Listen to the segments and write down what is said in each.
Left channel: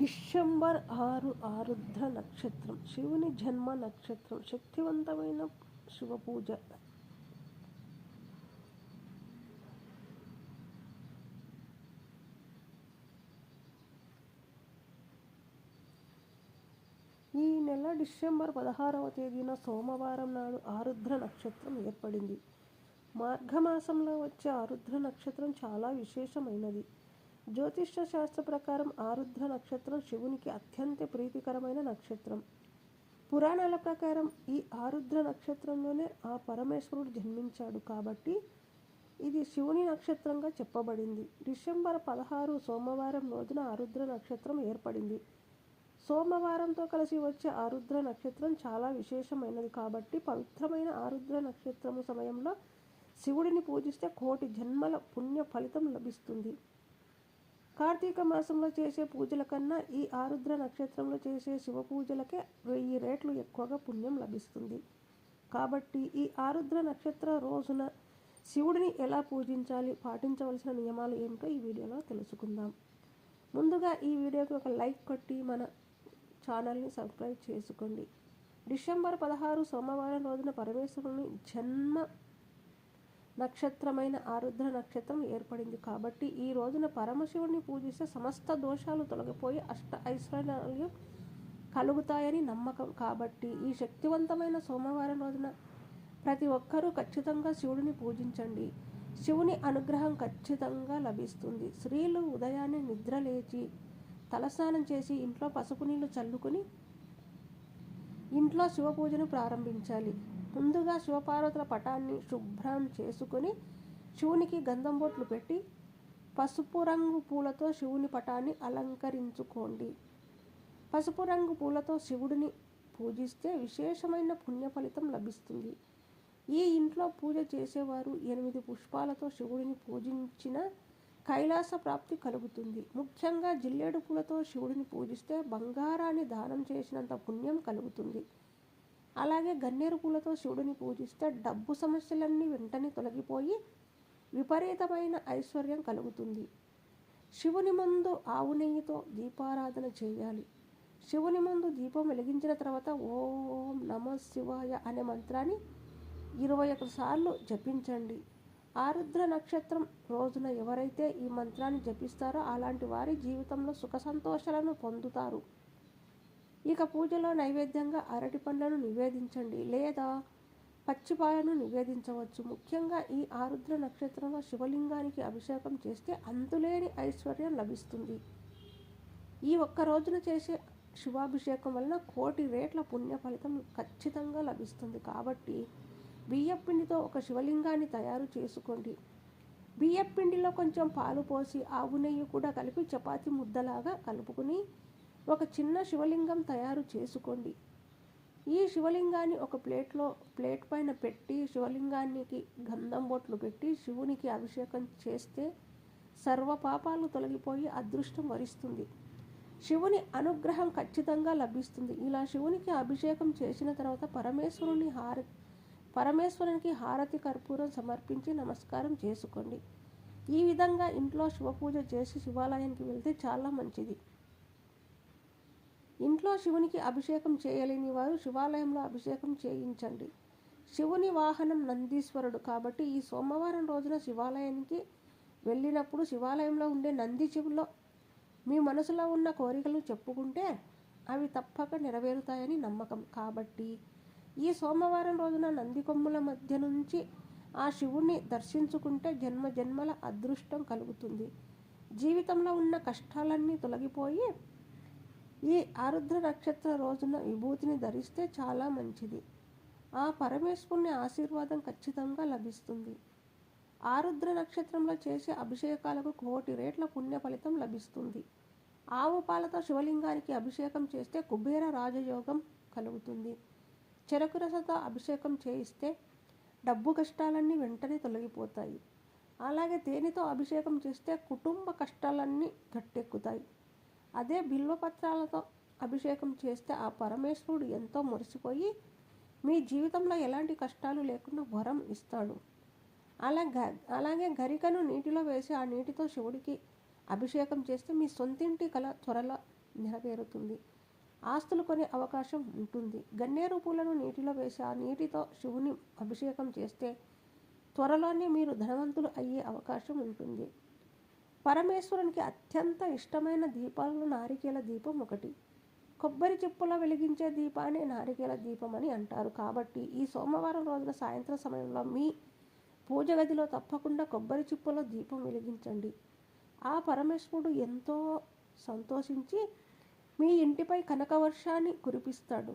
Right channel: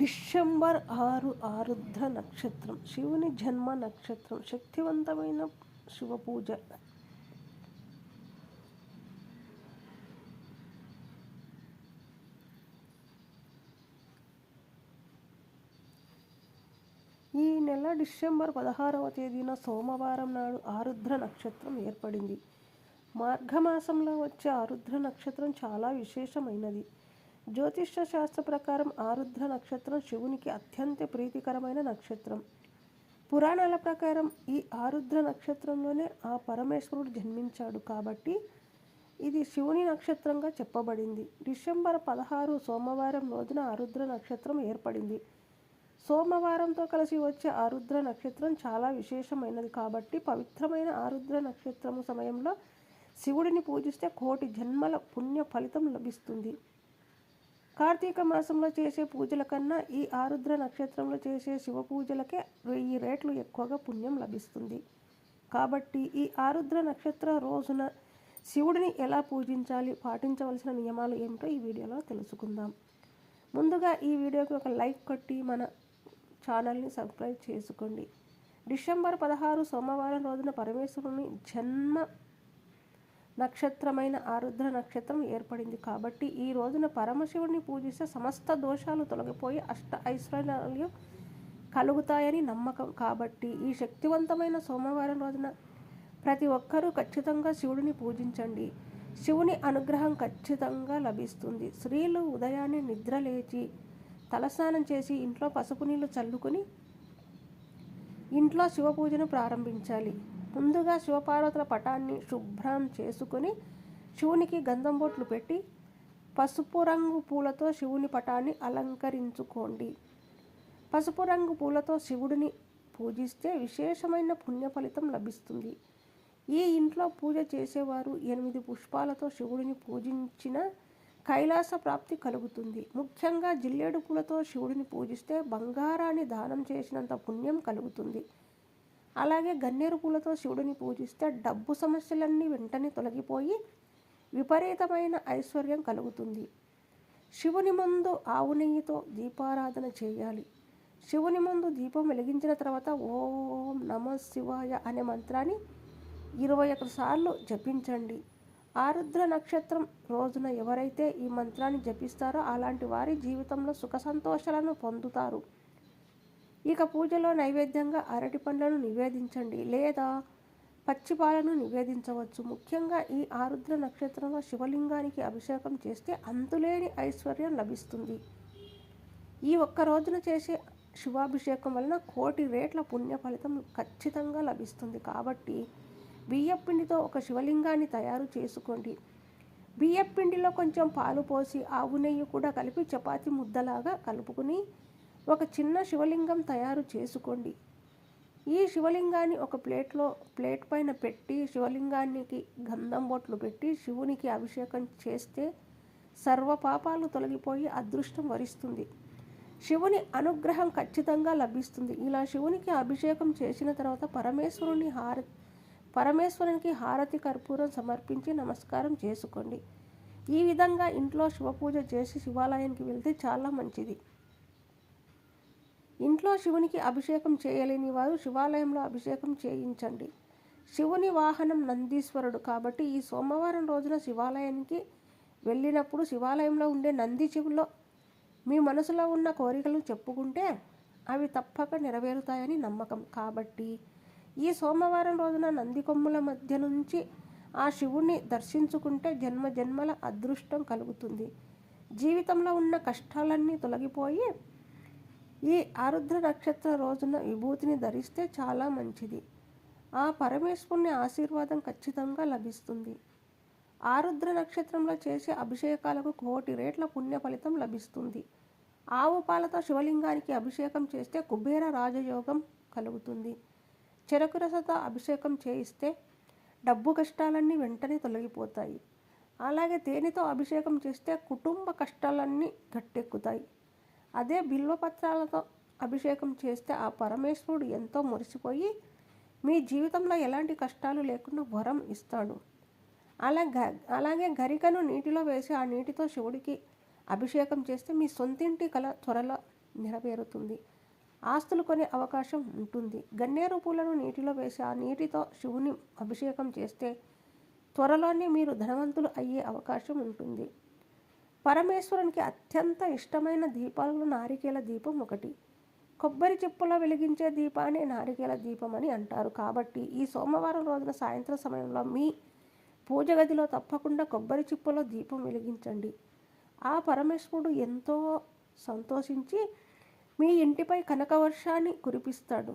December ఆరు ఆరుద్ర నక్షత్రం. శివుని జన్మ నక్షత్రం. శక్తివంతమైన శివ పూజ. ఈ నెల డిసెంబర్ పదహారవ తేదీన సోమవారం నాడు ఆరుద్ర నక్షత్రం ఏర్పడింది. మార్ఘమాసంలో వచ్చే ఆరుద్ర నక్షత్రం చాలా విశేషమైనది. జ్యోతిష్య శాస్త్ర ప్రకారం ఆరుద్ర నక్షత్రం శివునికి అత్యంత ప్రీతికరమైన నక్షత్రం. పురాణాల ప్రకారం ఈ ఆరుద్ర నక్షత్రంలోనే ఆ పరమేశ్వరుడు జన్మించాడు కాబట్టి ఇది శివుని నక్షత్రంగా చెప్పబడింది. డిసెంబర్ పదహారు సోమవారం రోజున ఆరుద్ర నక్షత్రం ఏర్పడింది. సోమవారంతో కలిసి వచ్చే ఆరుద్ర నక్షత్రం చాలా విశేషమైనది కాబట్టి పవిత్రమైన ఆరుద్ర నక్షత్రము సమయంలో శివుడిని పూజిస్తే కోటి జన్మల పుణ్య ఫలితం లభిస్తుంది. కార్తీక మాసంలో చేసే పూజల కన్నా ఈ ఆరుద్ర నక్షత్రంలో చేసే శివ పూజలకే వెయ్యి రేట్లు ఎక్కువగా పుణ్యం లభిస్తుంది. కాబట్టి ఈ ఆరుద్ర నక్షత్ర రోజున శివుడిని ఎలా పూజించాలి పాటించవలసిన నియమాలు ఏమిటో ఈ వీడియోలో తెలుసుకుందాం. ముందుగా ఈ వీడియోకి ఒక లైక్ కొట్టి మన ఛానల్ని సబ్స్క్రైబ్ చేసుకోండి. డిసెంబర్ పదహారు సోమవారం రోజున పరమేశ్వరుని జన్మ నక్షత్రమైన ఆరుద్ర నక్షత్రం ఏర్పడింది. కాబట్టి ఈ రోజున పరమశివుడిని పూజిస్తే సమస్త దోషాలు తొలగిపోయి అష్ట ఐశ్వర్యాలు కలుగుతాయని నమ్మకం. కాబట్టి ఈ శక్తివంతమైన సోమవారం రోజున ప్రతి ఒక్కరూ ఖచ్చితంగా శివుడిని పూజించండి. శివుని అనుగ్రహం ఖచ్చితంగా లభిస్తుంది. స్త్రీలు ఉదయాన్నే నిద్ర లేచి తలస్నానం చేసి ఇంట్లో పసుపు నీళ్ళు చల్లుకుని ఇంట్లో శివ పూజను ప్రారంభించాలి. ముందుగా శివపార్వతుల పటాన్ని శుభ్రం చేసుకుని శివునికి గంధం బొట్లు పెట్టి పసుపు రంగు పూలతో శివుని పటాన్ని అలంకరించుకోండి. పసుపు రంగు పూలతో శివుడిని పూజిస్తే విశేషమైన పుణ్య ఫలితం లభిస్తుంది. ఈ ఇంట్లో పూజ చేసేవారు ఎనిమిది పుష్పాలతో శివుడిని పూజించిన కైలాస ప్రాప్తి కలుగుతుంది. ముఖ్యంగా జిల్లేడు పూలతో శివుడిని పూజిస్తే బంగారాన్ని దానం చేసినంత పుణ్యం కలుగుతుంది. అలాగే గన్నేరు పూలతో శివుడిని పూజిస్తే డబ్బు సమస్యలన్నీ వెంటనే తొలగిపోయి విపరీతమైన ఐశ్వర్యం కలుగుతుంది. శివుని ముందు ఆవు నెయ్యితో దీపారాధన చేయాలి. శివుని ముందు దీపం వెలిగించిన తర్వాత ఓం నమ శివాయ అనే మంత్రాన్ని ఇరవై ఒకటి సార్లు జపించండి. ఆరుద్ర నక్షత్రం రోజున ఎవరైతే ఈ మంత్రాన్ని జపిస్తారో అలాంటి వారి జీవితంలో సుఖ సంతోషాలను పొందుతారు. ఇక పూజలో నైవేద్యంగా అరటి పండ్లను నివేదించండి లేదా పచ్చిపాలను నివేదించవచ్చు. ముఖ్యంగా ఈ ఆరుద్ర నక్షత్రంలో శివలింగానికి అభిషేకం చేస్తే అంతులేని ఐశ్వర్యం లభిస్తుంది. ఈ ఒక్క రోజున చేసే శివాభిషేకం వలన కోటి రేట్ల పుణ్య ఫలితం ఖచ్చితంగా లభిస్తుంది. కాబట్టి బియ్యపిండితో ఒక శివలింగాన్ని తయారు చేసుకోండి. బియ్యపిండిలో కొంచెం పాలు పోసి ఆవు నెయ్యి కూడా కలిపి చపాతి ముద్దలాగా కలుపుకుని ఒక చిన్న శివలింగం తయారు చేసుకోండి. ఈ శివలింగాన్ని ఒక ప్లేట్లో ప్లేట్ పైన పెట్టి శివలింగానికి గంధం బొట్లు పెట్టి శివునికి అభిషేకం చేస్తే సర్వ పాపాలు తొలగిపోయి అదృష్టం వరిస్తుంది. శివుని అనుగ్రహం ఖచ్చితంగా లభిస్తుంది. ఇలా శివునికి అభిషేకం చేసిన తర్వాత పరమేశ్వరుని హారతి పరమేశ్వరునికి హారతి కర్పూరం సమర్పించి నమస్కారం చేసుకోండి. ఈ విధంగా ఇంట్లో శివపూజ చేసి శివాలయానికి వెళ్తే చాలా మంచిది. ఇంట్లో శివునికి అభిషేకం చేయలేని వారు శివాలయంలో అభిషేకం చేయించండి. శివుని వాహనం నందీశ్వరుడు కాబట్టి ఈ సోమవారం రోజున శివాలయానికి వెళ్ళినప్పుడు శివాలయంలో ఉండే నంది చెవులో మీ మనసులో ఉన్న కోరికలు చెప్పుకుంటే అవి తప్పక నెరవేరుతాయని నమ్మకం. కాబట్టి ఈ సోమవారం రోజున నందికొమ్ముల మధ్య నుంచి ఆ శివుణ్ణి దర్శించుకుంటే జన్మ జన్మల అదృష్టం కలుగుతుంది. జీవితంలో ఉన్న కష్టాలన్నీ తొలగిపోయి ఈ ఆరుద్ర నక్షత్ర రోజున విభూతిని ధరిస్తే చాలా మంచిది. ఆ పరమేశ్వరుని ఆశీర్వాదం ఖచ్చితంగా లభిస్తుంది. ఆరుద్ర నక్షత్రంలో చేసే అభిషేకాలకు కోటి రేట్ల పుణ్య ఫలితం లభిస్తుంది. ఆవు పాలతో శివలింగానికి అభిషేకం చేస్తే కుబేర రాజయోగం కలుగుతుంది. చెరకు రసతో అభిషేకం చేయిస్తే డబ్బు కష్టాలన్నీ వెంటనే తొలగిపోతాయి. అలాగే తేనెతో అభిషేకం చేస్తే కుటుంబ కష్టాలన్నీ గట్టెక్కుతాయి. అదే బిల్వపత్రాలతో అభిషేకం చేస్తే ఆ పరమేశ్వరుడు ఎంతో మురిసిపోయి మీ జీవితంలో ఎలాంటి కష్టాలు లేకుండా వరం ఇస్తాడు. అలా గ అలాగే గరికను నీటిలో వేసి ఆ నీటితో శివుడికి అభిషేకం చేస్తే మీ సొంతింటి కల త్వరలో నెరవేరుతుంది. ఆస్తులు కొనే అవకాశం ఉంటుంది. గన్నేరు పూలను నీటిలో వేసి ఆ నీటితో శివుని అభిషేకం చేస్తే త్వరలోనే మీరు ధనవంతులు అయ్యే అవకాశం ఉంటుంది. పరమేశ్వరునికి అత్యంత ఇష్టమైన దీపాలలో నారికేల దీపం ఒకటి. కొబ్బరి చెప్పులో వెలిగించే దీపాన్ని నారికేల దీపం అని అంటారు. కాబట్టి ఈ సోమవారం రోజున సాయంత్రం సమయంలో మీ పూజ గదిలో తప్పకుండా కొబ్బరి చిప్పలో దీపం వెలిగించండి. ఆ పరమేశ్వరుడు ఎంతో సంతోషించి మీ ఇంటిపై కనకవర్షాన్ని కురిపిస్తాడు.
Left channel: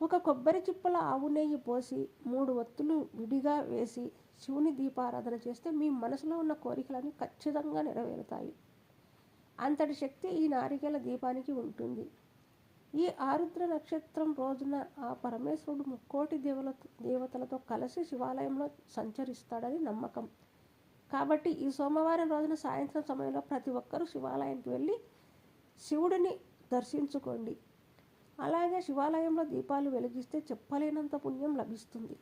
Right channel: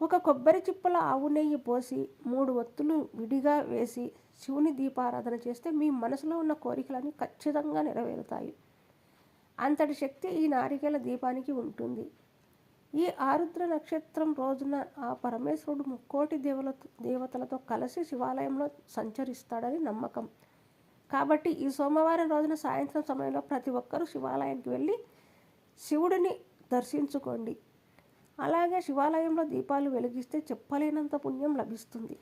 ఒక కొబ్బరి చిప్పల ఆవు నెయ్యి పోసి మూడు ఒత్తులు విడిగా వేసి శివుని దీపారాధన చేస్తే మీ మనసులో ఉన్న కోరికలన్నీ ఖచ్చితంగా నెరవేరుతాయి. అంతటి శక్తి ఈ నారికేల దీపానికి ఉంటుంది. ఈ ఆరుద్ర నక్షత్రం రోజున ఆ పరమేశ్వరుడు ముక్కోటి దేవుల దేవతలతో కలిసి శివాలయంలో సంచరిస్తాడని నమ్మకం. కాబట్టి ఈ సోమవారం రోజున సాయంత్రం సమయంలో ప్రతి ఒక్కరూ శివాలయానికి వెళ్ళి శివుడిని దర్శించుకోండి. అలాగే శివాలయంలో దీపాలు వెలిగిస్తే చెప్పలేనంత పుణ్యం లభిస్తుంది.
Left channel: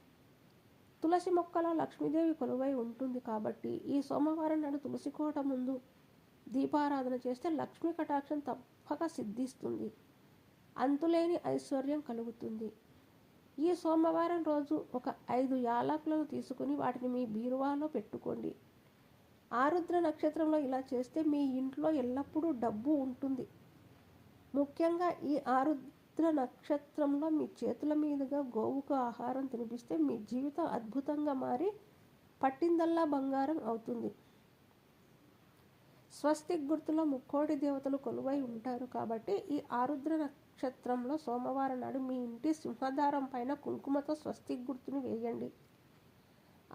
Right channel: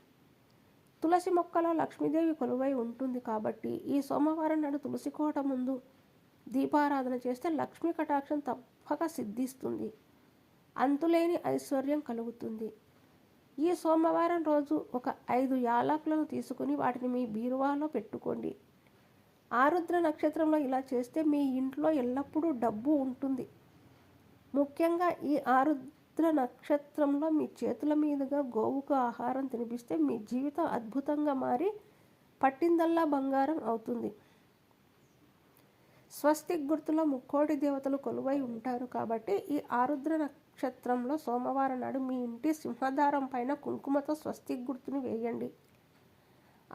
తులసి మొక్కలో లక్ష్మీదేవి కొలువై ఉంటుంది కాబట్టి ఈ సోమవారం నాడు తులసి కోట ముందు దీపారాధన చేస్తే లక్ష్మీ కటాక్షం తప్పక సిద్ధిస్తుంది. అంతులేని ఐశ్వర్యం కలుగుతుంది. ఈ సోమవారం రోజు ఒక ఐదు యాలకులను తీసుకుని వాటిని మీ బీరువాలో పెట్టుకోండి. ఆరుద్ర నక్షత్రంలో ఇలా చేస్తే మీ ఇంట్లో ఎల్లప్పుడూ డబ్బు ఉంటుంది. ముఖ్యంగా ఈ ఆరుద్ర నక్షత్రంలో మీ చేతుల మీదుగా గోవుకు ఆహారం తినిపిస్తే మీ జీవితం అద్భుతంగా మారి పట్టిందల్లా బంగారం అవుతుంది. స్వస్తిక్ గుర్తులో ముక్కోటి దేవతలు కొలువై ఉంటారు కాబట్టి ఈ ఆరుద్ర నక్షత్రంలో సోమవారం నాడు మీ ఇంటి సింహదారం పైన కుంకుమతో స్వస్తిక్ గుర్తుని వేయండి.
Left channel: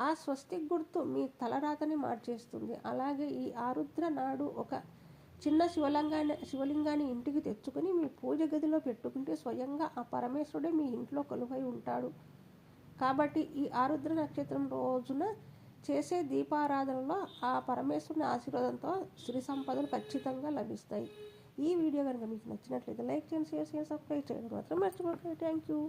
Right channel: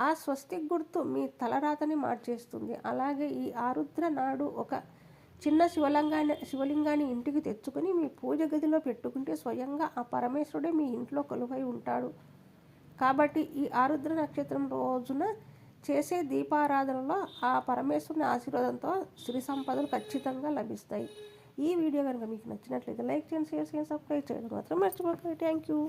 ఆ స్వస్తిక్ గుర్తు మీ తలరాతని మార్చేస్తుంది. అలాగే ఈ ఆరుద్ర నాడు ఒక చిన్న శివలింగాన్ని శివలింగాన్ని ఇంటికి తెచ్చుకొని మీ పూజ గదిలో పెట్టుకుంటే స్వయంగా ఆ పరమేశ్వరుడే మీ ఇంట్లో కొలువై ఉంటాడు. కాబట్టి ఈ ఆరుద్ర నక్షత్రం రోజున చేసే దీపారాధనలో ఆ పరమేశ్వరుని ఆశీర్వాదంతో సిరి సంపదలు ఖచ్చితంగా లభిస్తాయి. ఈ వీడియో కనుక మీకు నచ్చినట్లయితే లైక్ చేయండి షేర్ చేయండి సబ్స్క్రైబ్ చేయడం. మాత్రం మర్చిపోకండి. Thank you